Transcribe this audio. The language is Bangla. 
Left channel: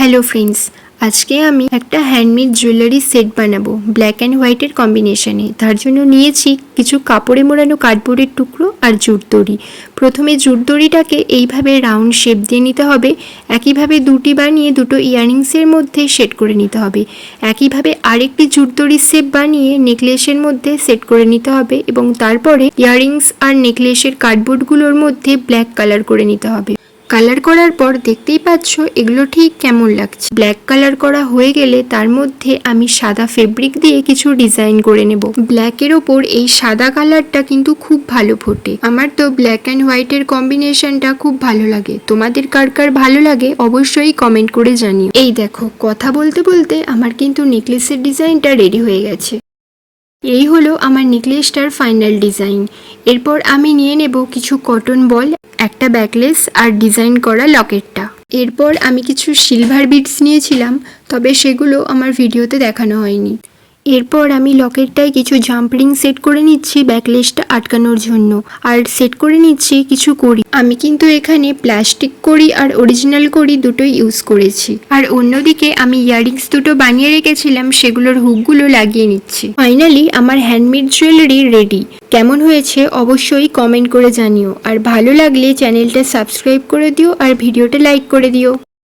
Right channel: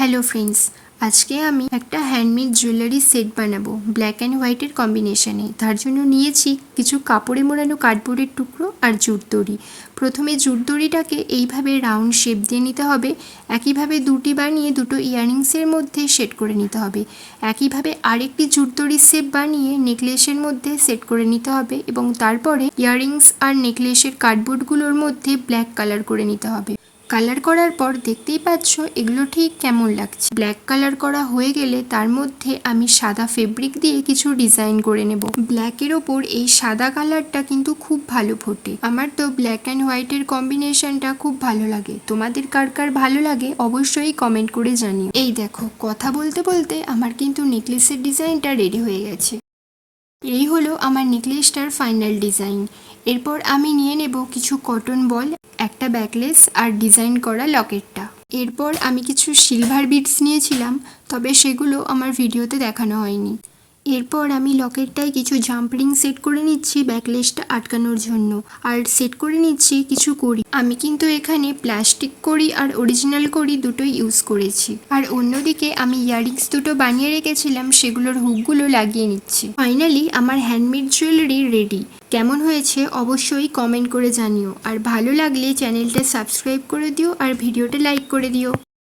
হ্যালো ফ্রেন্ডস, আজকে আমি একটা হ্যান্ডমেড জুয়েলারি সেট বানাবো ব্ল্যাক অ্যান্ড হোয়াইটের কম্বিনেশনে। তার জন্য নিয়েছি কিছু কাপড়ে মোড়ানো কার্ডবোর্ডের টুকরো আর জুট দড়ি। প্রথমে জুট দড়িটাকে এইভাবে রাউন্ড শেপ দিয়ে নিতে হবে। একইভাবে দুটি বানিয়ে দুটো ইয়াররিংসের মধ্যে সেট করে নিতে হবে। একইভাবে আরেকটি জুট দড়ির শেপ বানিয়ে নেকলেসের মধ্যে সেট করে নিতে হবে এবং তারপরে ইয়াররিংস আর নেকলেসের কার্ডবোর্ডগুলোর মধ্যে ব্ল্যাক কালার করে নিতে হবে। কালার করার পর দেখতেই পাচ্ছ এগুলো ঠিক কেমন লাগছে। ব্ল্যাক কালার করা হয়ে গেলে তার মধ্যে আমি সাদা ফেব্রিক দিয়ে কিছু ডিজাইন করে নেব। ব্ল্যাকের ওপর এই সাদা কালারটা কিন্তু খুব ভালো ফোটে। আমার তো ব্ল্যাক অ্যান্ড হোয়াইটের কম্বিনেশনটা খুব ভালো লাগে। তোমাদের কার কার ভালো লাগে অবশ্যই কমেন্ট করে জানিও। এই দেখো, কথা বলতে বলতে আমার কিন্তু নেকলেসের ডিজাইনটা রেডি হয়ে গেছে। এই হলো আমার নেকলেসটার ফাইনাল ডিজাইন। এরপর আমি নিয়ে নেব কিছু কটন বল, একটা ব্যাকলেস আর ডিজাইন করা লকেটটা। এরপর আমি কিছু সিলভার বিডস নিয়েছিলাম, তবে সেগুলো আমার ভিডিওতে দেখানো হয়নি। এরপর আমি লকেটটায় কিছু জাম্প রিং সেট করে নিচ্ছি ব্যাকলেসটা আটকানোর জন্য, আর সেট করে নিচ্ছি কিছু কড়ি। আমি কিন্তু এখানে প্লাস্টিক কড়ি আর অরিজিনাল কড়ি দুটোই ইউজ করেছি। আর অন্যদিকে আমি ইয়াররিংস দুটো বানিয়ে রেখেছিলাম, সেগুলোর হুকগুলো লাগিয়ে নিচ্ছি। ফাইনালি আমার হ্যান্ডমেড জুয়েলারি রেডি। কেমন হয়েছে অবশ্যই কমেন্ট করে জানিও, আর ভালো লাগলে চ্যানেলটা সাবস্ক্রাইব করে দিও আর ভিডিওটা লাইক করে দিও।